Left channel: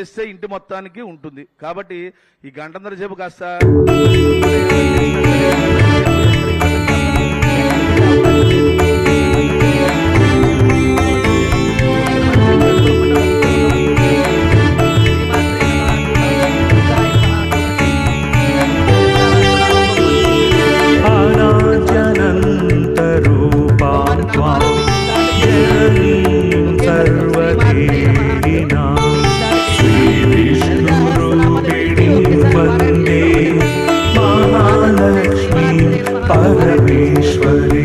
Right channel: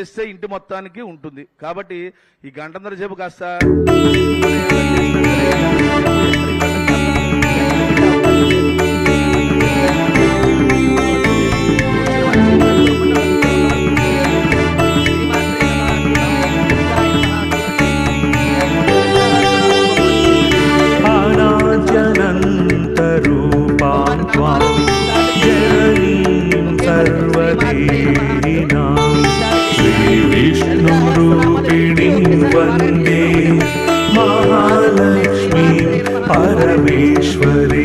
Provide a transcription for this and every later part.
చేస్తే ఇంటి మొత్తానికి ఉంటుంది కాబట్టి ఈ గంటందరూ చెప్పు కాస్త ेव महालक्ष्मी परमेश्वरी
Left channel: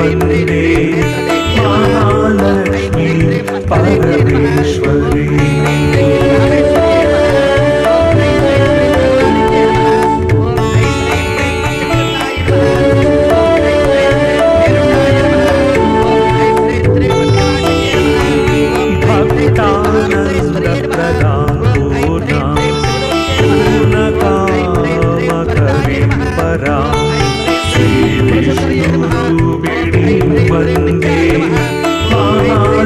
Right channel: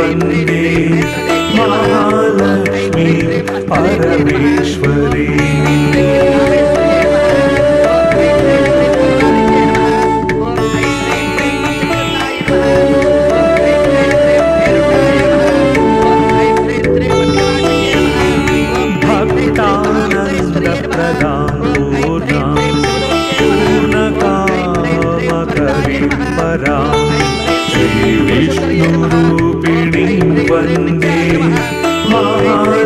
வந்தே மாலை பரமேஸ்வரே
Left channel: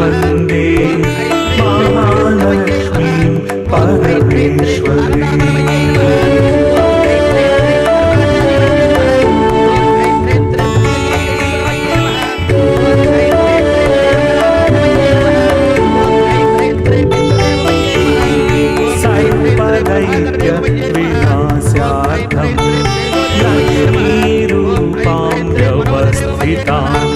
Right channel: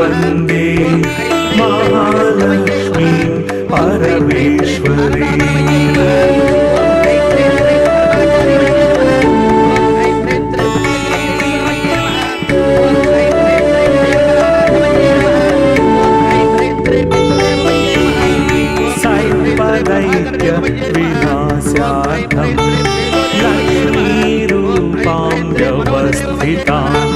வந்தே மகாலட்சுமி பரமேஸ்வரி ைத்திய விநாசார்த்தம் லக்ஷ்மி ரூபாம் வியவஸ்திதான்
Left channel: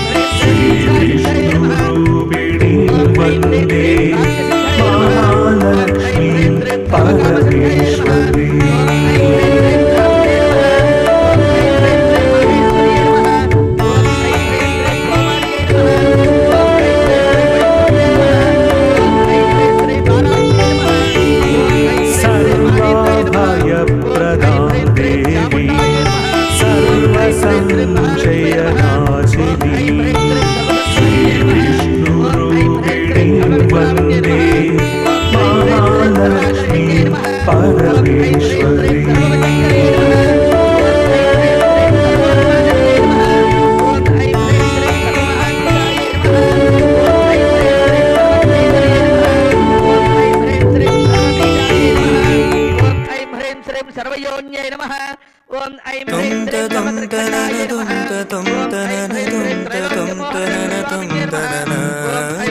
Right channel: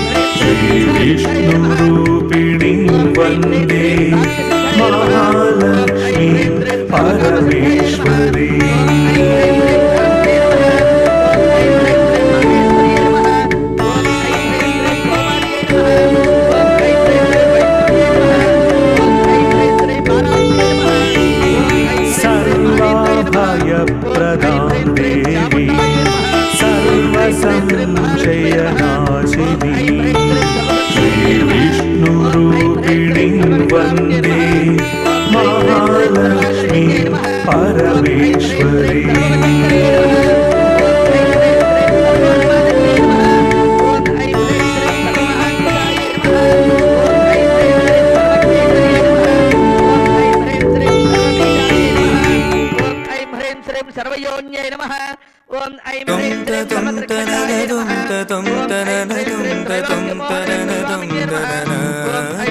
വന്ദേ മഹാലക്ഷ്മി പരമേശ്വരേ ధనలక్ష్మీ పరమేశ్వరీ ఓం ఐ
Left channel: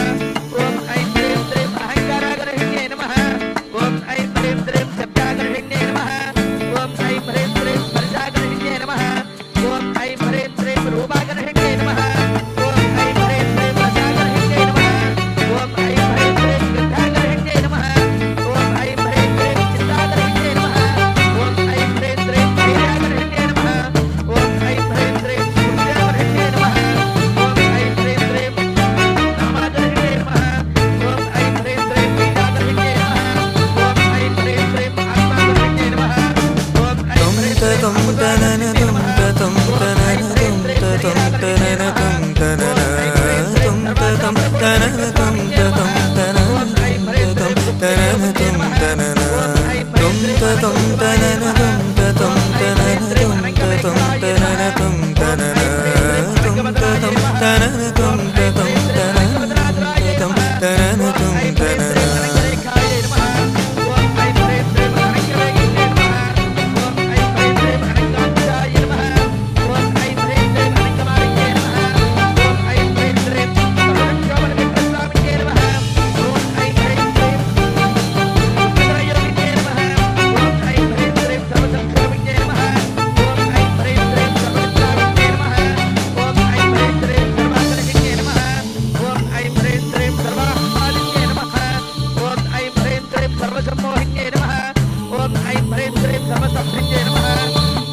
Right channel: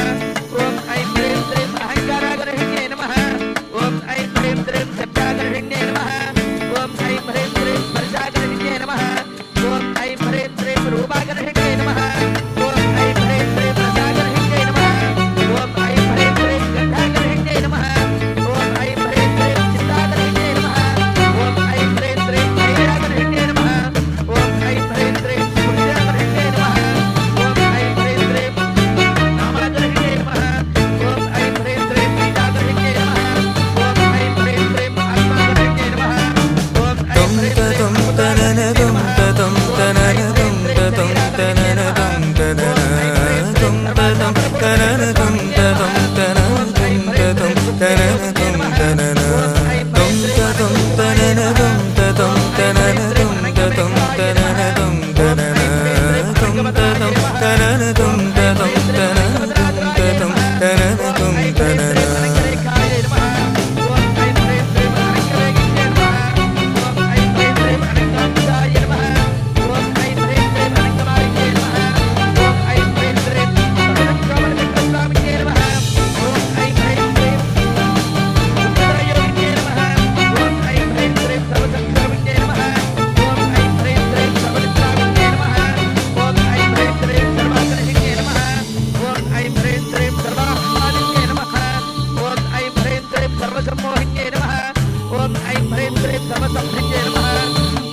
សំភិញ្ញេនមហា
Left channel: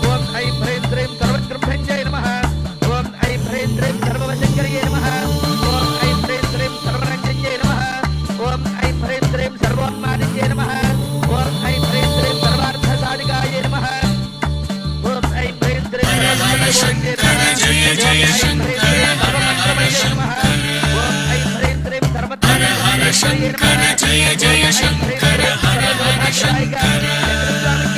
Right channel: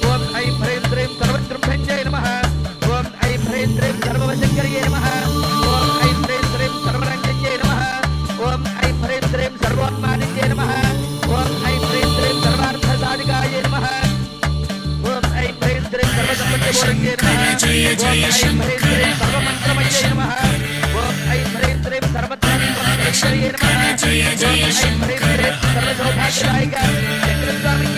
គុណអីព្រេមត្រេមសរ្វសំភិញ្ញេនមហាគុណអីព្រេមត្រេមសរ្វវិជ្ជាមហាគុណអីព្រេមត្រេមសរ្វរញ្ញេនមហាគុណអីព្រេមត្រេមសរ្វមនិញ្ញេនមហាគុណអីព្រេមត្រេមសរ្វថាសាធិកាយេនមហាគុណអីព្រេមត្រេមសរ្វសំភិញ្ញេនមហាគុណអីព្រេមត្រេមសរ្វមន្ត្រមញ្ញេនមហាគុណអីព្រេមត្រេមសរ្វថាសាធិកាយេនមហាគុណអីព្រេមត្រេមសរ្វថាសាធិកាយេនមហាគុណអីព្រេមត្រេមសរ្វមន្ត្រមញ្ញេនមហាគុណអីព្រេមត្រេមសរ្វថាសាធិកាយេនមហាគុណអីព្រេមត្រេមសរ្វថាសាធិកាយេនមហាគុណអីព្រេមត្រេមសរ្វថាសាធិកាយេនមហាគុណអីព្រេមត្រេមសរ្វថាសាធិកាយេនមហាគុណអីព្រេមត្រេមសរ្វថាសាធិកាយេនមហាគុណអីព្រេមត្រេមសរ្វថាសាធិកាយេនមហាគុណអីព្រេមត្រេមសរ្វថាសាធិកាយេនមហាគុណអីព្រេមត្រេមសរ្វថាសាធិកាយេនមហាគុណអីព្រេមត្រេមសរ្វថាសាធិកាយេនមហាគុណអីព្រេមត្រេមសរ្វថាសាធិកាយេ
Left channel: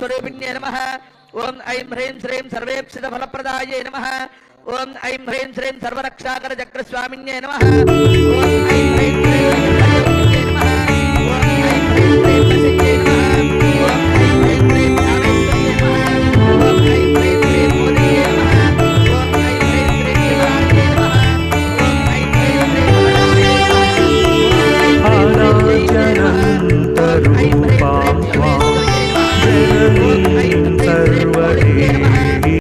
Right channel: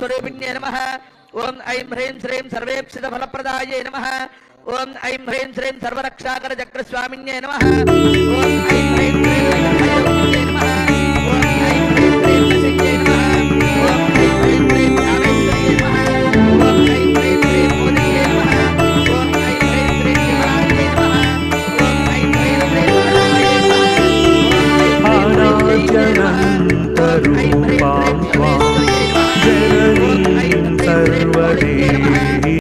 சுவரூபிணியே நம ஓம் ஐம் ஹ்ரீம் ஸ்ரீம் சர்வேப்சித பலப்பிரதாயே நம ஓம் ஐம் ஹ்ரீம் ஸ்ரீம் சர்வரக்ஷாகர சக்கர சுவாமிநே நம ஓம் ஐம் ஹ்ரீம் ஸ்ரீம்